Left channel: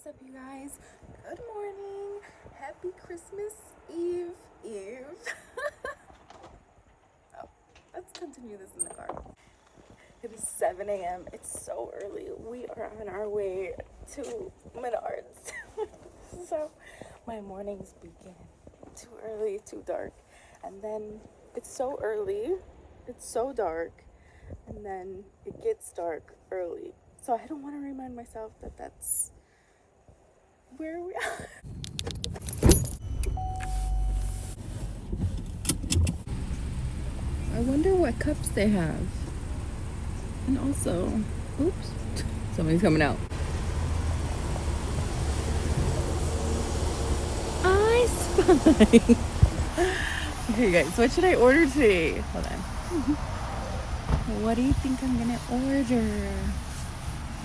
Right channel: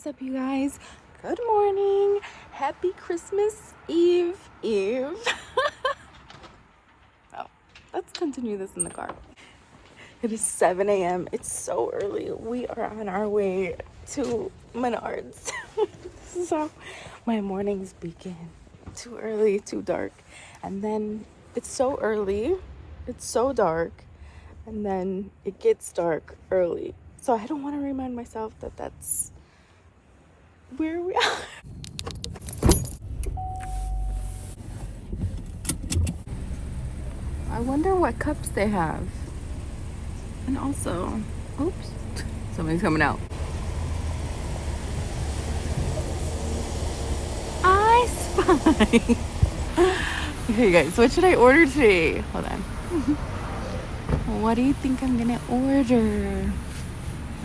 is up, you guys? Good morning. Happy Christmas Eve. Oh, let's continue this in the car. It is 7 a.m. It's so early. We are on our way to Menards. This is how my mornings begin. Too early, too dark. And then it's so early, it's so dark, and then it gets dark early. So I don't want to remind myself that that's where we are. I wonder what cups they have. And also, oops, somebody's coming out. I spy. Okay, guys, what should I order today? Hold on. What do you think I'm gonna order?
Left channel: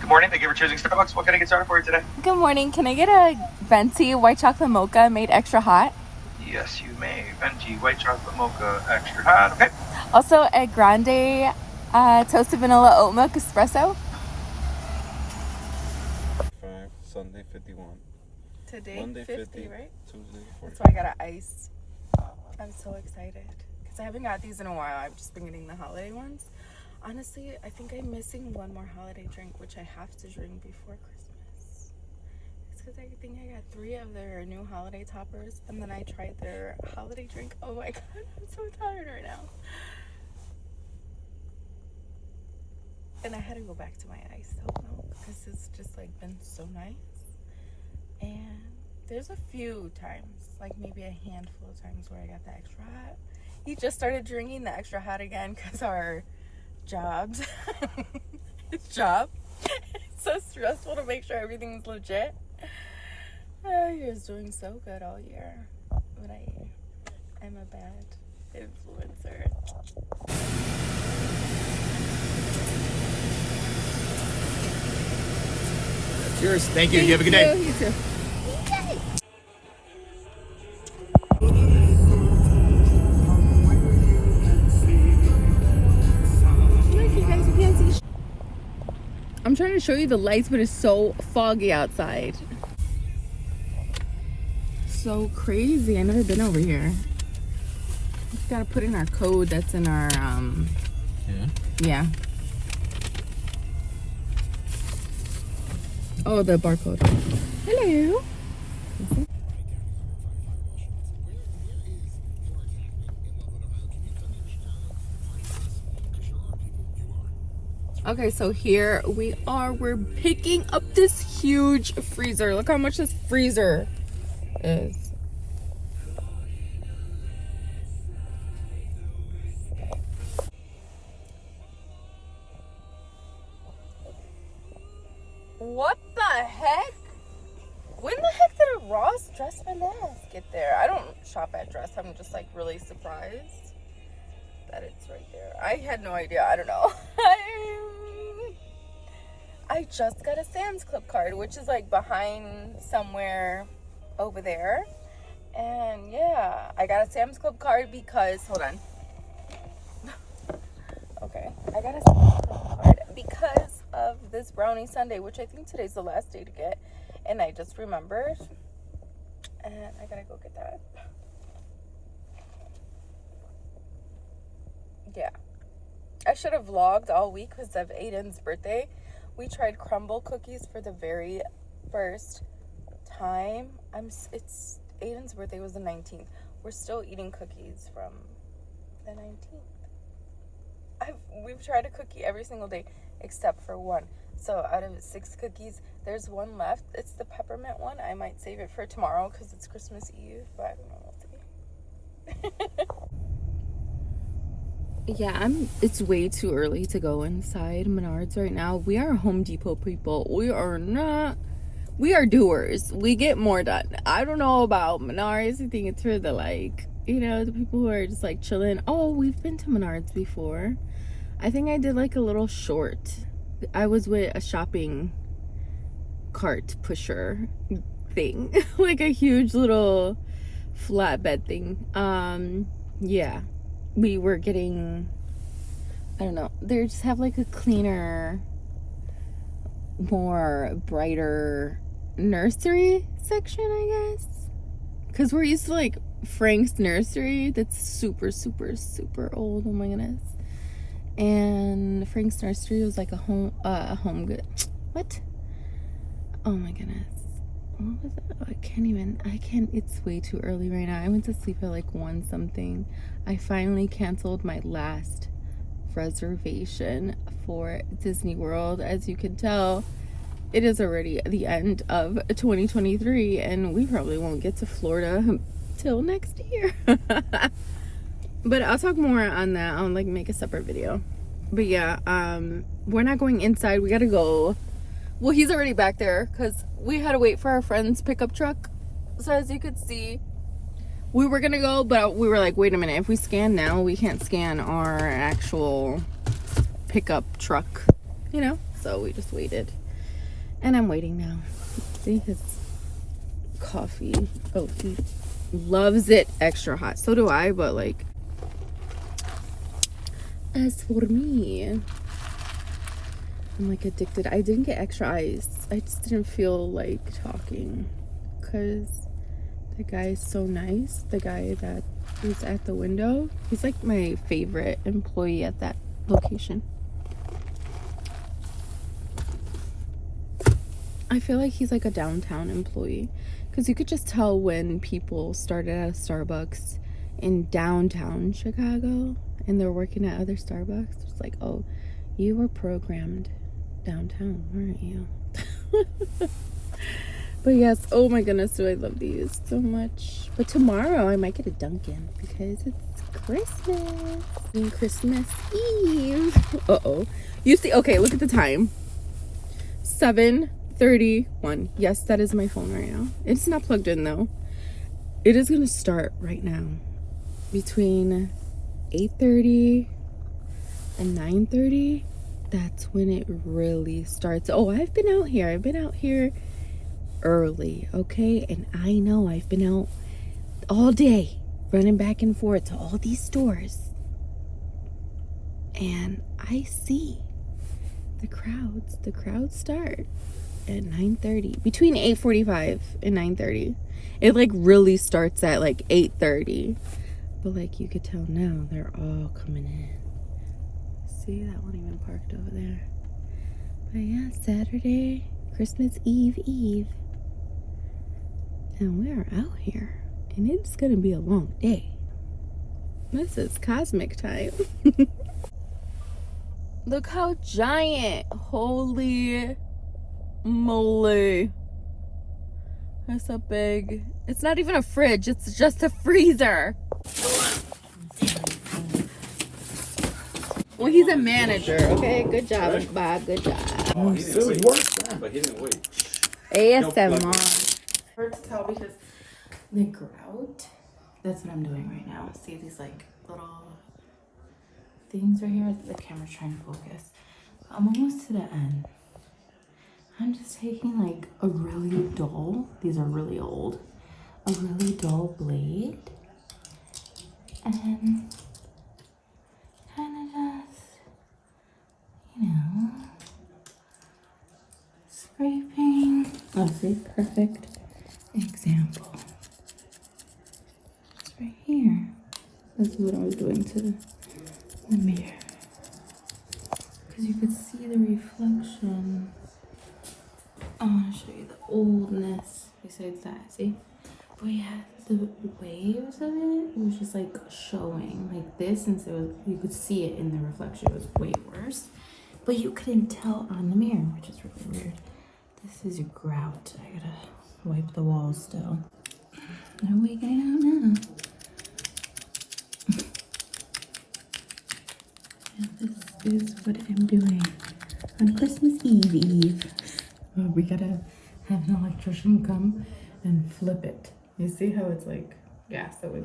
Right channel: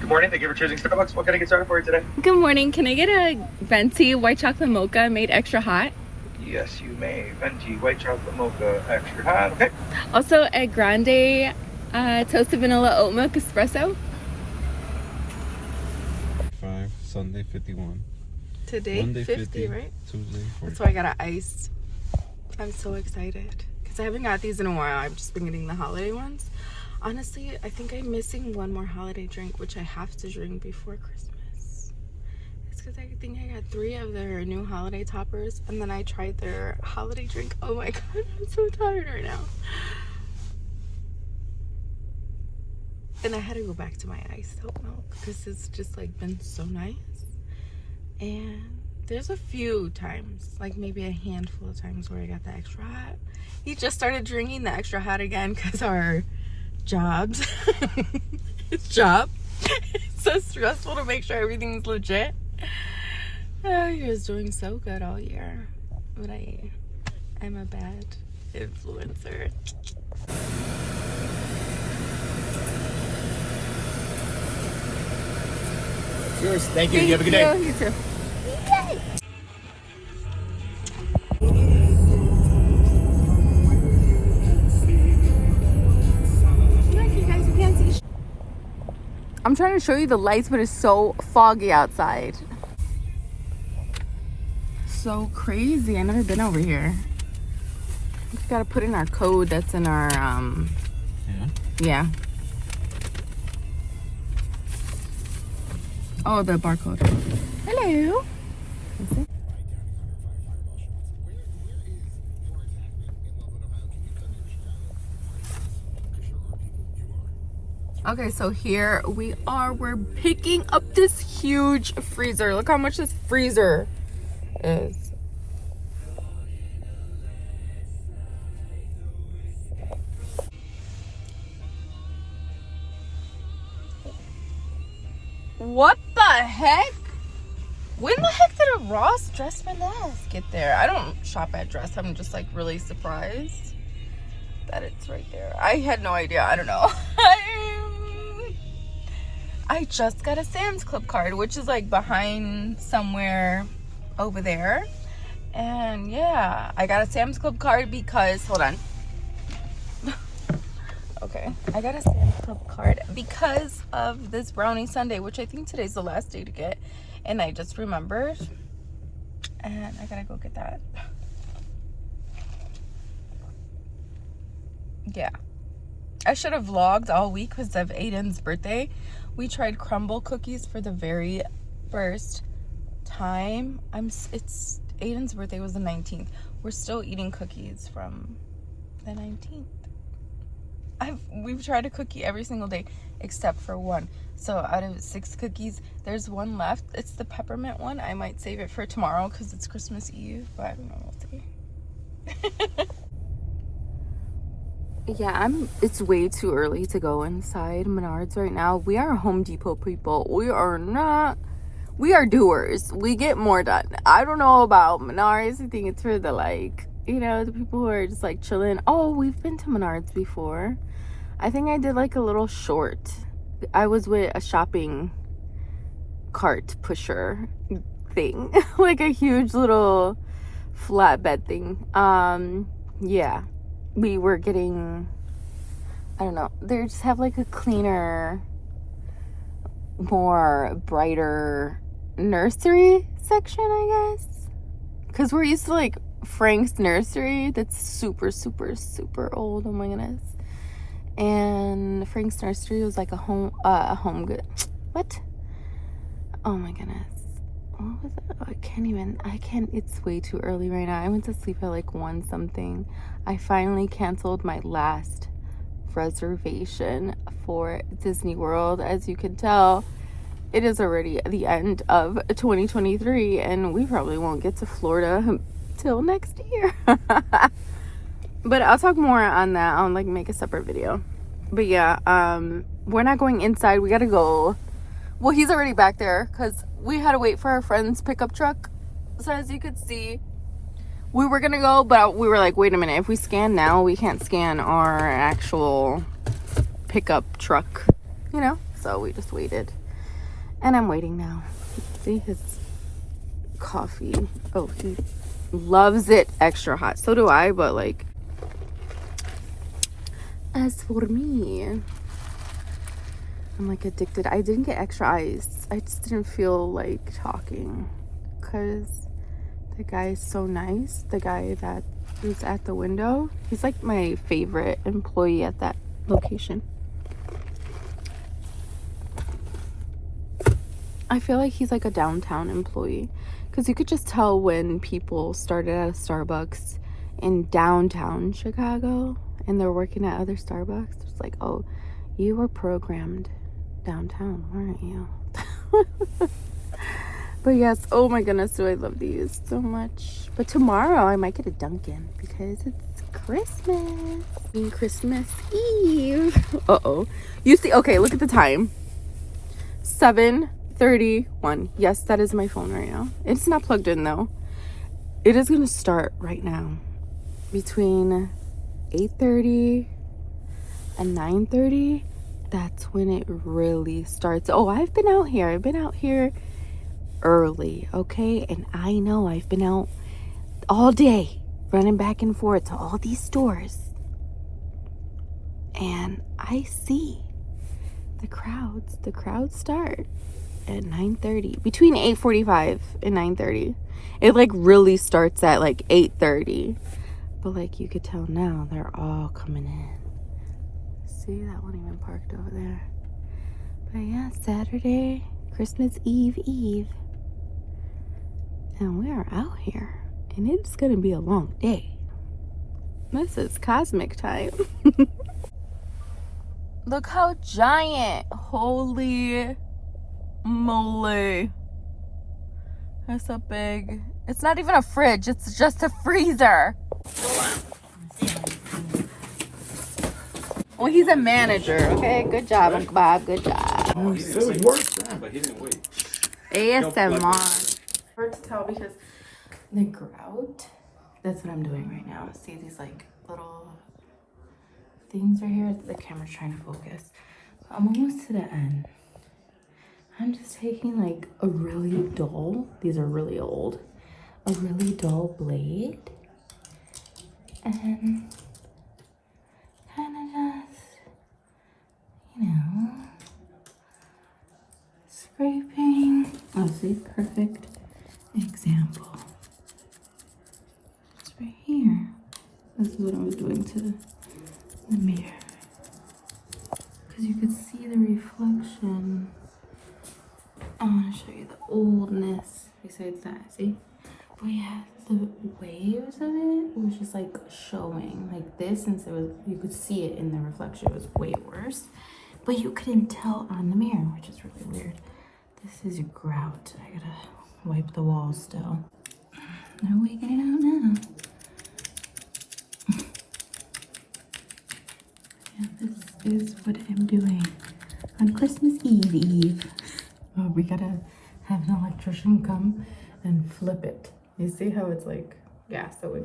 Good morning. Thank you for choosing Starbucks. What can I get started for you today? Good morning. Can I get a venti white chocolate mocha made extra hot? Yes, you may. Venti white chocolate mocha extra hot. Okay. Also, a grande toasted vanilla oat milk espresso. 5, Sunday 51. Today, Monday 50, right? Tuesday 40. That's why I got an iced. I'm so excited because I haven't got these in a while. I've just been getting the holiday ones. Honestly, I think I'm missing one more holiday drink, which I have to drink before Christmas. It's because I think I got 3 of their new holiday toppers, and then I tried their holiday drink. Oh my god, I'm so tired right now. And I had to go back to my iced oat milk because it's just like been so nice. And there's a few times, like maybe a handful of times where I got the extra hot. He just started drinking the extra hot again because our jobs, his job, it's so stressful to make sure everything's legit. He was doing so good all year, but I'm a bad influencer. Yours. Thank you. You have a good day. You too. I'm trying to show you the lights, but it's so foggy outside. So crazy. I've never been over here. Just gotta put in our code that's in our yeah. Oh, the barcode. Hello. Okay, so here we are. We're picking up this huge freezer. Look how much this freezer is. What the heck? When the heck did a Ross Dress for Less get there? I don't shop at Dress. I'm just like really surprised that it's right there. I had no idea. I don't know. I just got a Sam's Club card, which is like behind somewhere over there. And yeah, I got a Sam's Club card because, hold on. Okay, I got a Sam's Club card because of this brownie sundae, which I think today's the last day to get. And I just remembered. And I gotta go get that. Yeah. I should have vlogged all week because of Aiden's birthday. We tried crumble cookies for the very first time. It's Aiden's birthday was the 19th. We're still eating cookies from the 19th. We've tried a cookie every single day except for one. So out of 6 cookies, there's one left. It's the peppermint one. I might save it for tomorrow because it's Christmas Eve, but I don't know. We'll see. Yeah, it's way too early to go inside Menards right now. We are Home Depot people. We are doers. We get more done. I don't know about Menards. I think it's for the the people who are just like chilling. Oh, we've been to Menards before. I think I did like a little short. I was with a shopping cart pusher thing. Like a huge little flatbed thing. Yeah. We were getting, I don't know, they just have like a cleaner, more brighter nursery section, I guess. Because we're used to like Frank's nursery that's super, super, super old. Oh my goodness. And Frank's nursery was like a home good. What? Oh my goodness. What was it? I can't, it's way too early right now. I went to sleep at like 1 something. I finally canceled my last reservation for Disney World. As you can tell, it is already the end of 2023 and we probably won't get to Florida till next year. But I'll talk more on that. I'll like make a separate video. But yeah, we're not going inside. We gotta go. Well, he's already back there because we had to wait for our friend's pickup truck. So as you could see, we were gonna go, but we were like, wait a minute, if we scan now, we can't scan our actual pickup truck, you know? So we just waited. And I'm waiting now. See his coffee. Oh, he loves it extra hot. So do I, but like, as for me, I'm like addicted. I didn't get extra ice. I just didn't feel like talking because the guy is so nice. The guy that is at the window, he's like my favorite employee at that location. I feel like he's like a downtown employee because you could just tell when people started at a Starbucks in downtown Chicago and they're working at other Starbucks. It's like, oh, you were programmed downtown, weren't you? But yes, oh my goodness, do I love these so much. But tomorrow I might get a Dunkin' because it's Christmas and Christmas Eve. Uh-oh. You see, okay, look at the time. 7:31. Yes, that is my phone right now. It's not plugged in though. It is gonna start right now between 8:30 and 9:30. That's when it really starts. Oh, I've been out here early, okay? And I know I've been out all day running back and forth to all these stores, and I see the crowds start at 9:30, between 8:45 and 9:30. It like really starts at like 8:30, but like you could tell now they're all coming in. See, that one even parked over there. But yeah, Saturday, Christmas Eve, and we are out here, and it's gonna be a long day. This is cosmic time. Look how giant. Holy moly. That's a big, it's not even a fridge, it's just a freezer. Well, he's a manager, okay? Good job, Uncle Bob, good job. Oh, he didn't wait. But he didn't wait. ASMR. Hard to tell because the grout, that's what I'm doing right now. See these like little things right here? The camera's trying to focus. I'm almost to the end. I'm just taking like a really dull, these are really old, a really dull blade and kind of just, you know, scraping. Oh, see, perfect example. It's right here. This is what I was doing to the mirror. Because you could see the reflection. I want to show you the oldness besides that, see? But yeah, the waves of it was just like showing like this, and so you could see it in the reflection. It was way worse, but you couldn't tell on the mirror, which is really weird. This is a grout. I gotta wipe the walls still. They're waking it out now. Yeah, this is what I'm doing on Christmas Eve. Oh, we gotta have an electrician come and flip it. You see how it's like, yeah, so we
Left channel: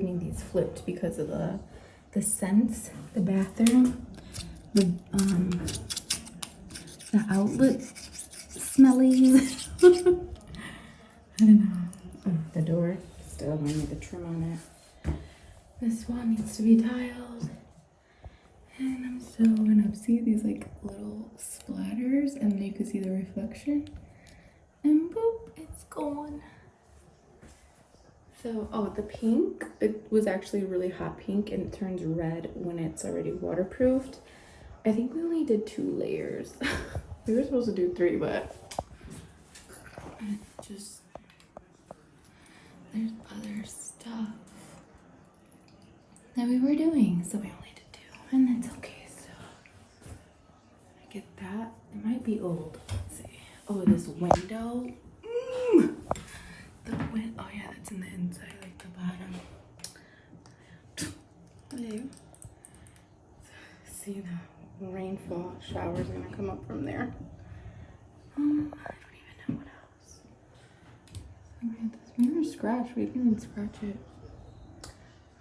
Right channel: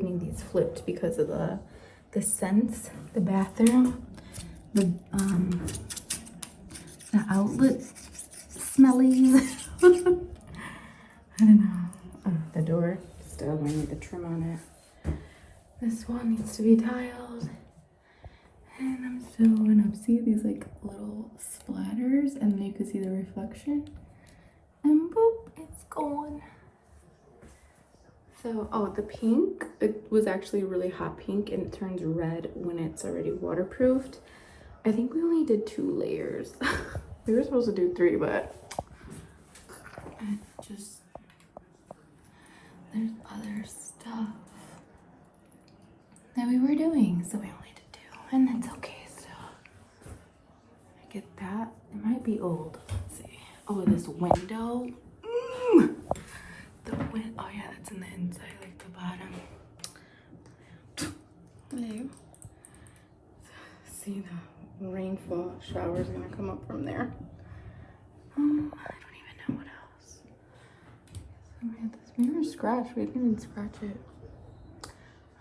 need these flipped because of the scents, the bathroom, the outlet smellies. I don't know. Oh, the door still I need the trim on it. This one needs to be tiled. And I'm still going up. See these like little splatters, and then you can see the reflection. And boop, going. So, oh, the pink, it was actually really hot pink and it turns red when it's already waterproofed. I think we only did 2 layers. We were supposed to do 3, but it just, there's other stuff that we were doing, so we only did 2, and that's okay. So I get that. It might be old. Let's see. Oh, this window. The wind. Oh yeah, that's in the inside, like the bottom. There you go. See the rainfall shower's gonna come up from there. I don't even know what else. So we had this mirror scratch. We didn't scratch it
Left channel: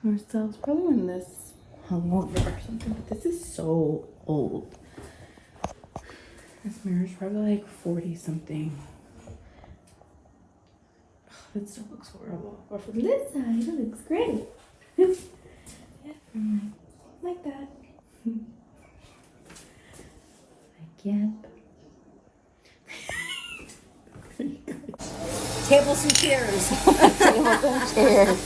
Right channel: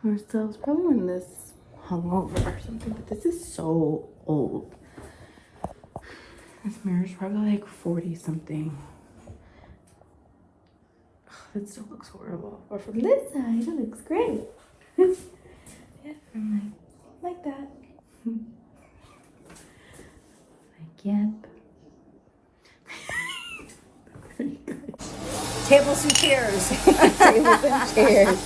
ourselves. Probably when this hung over or something. But this is so old. This mirror's probably like 40 something. It still looks horrible. But from this side, it looks great. Yeah, like that. Like, yep. Tables and chairs. Tables and chairs.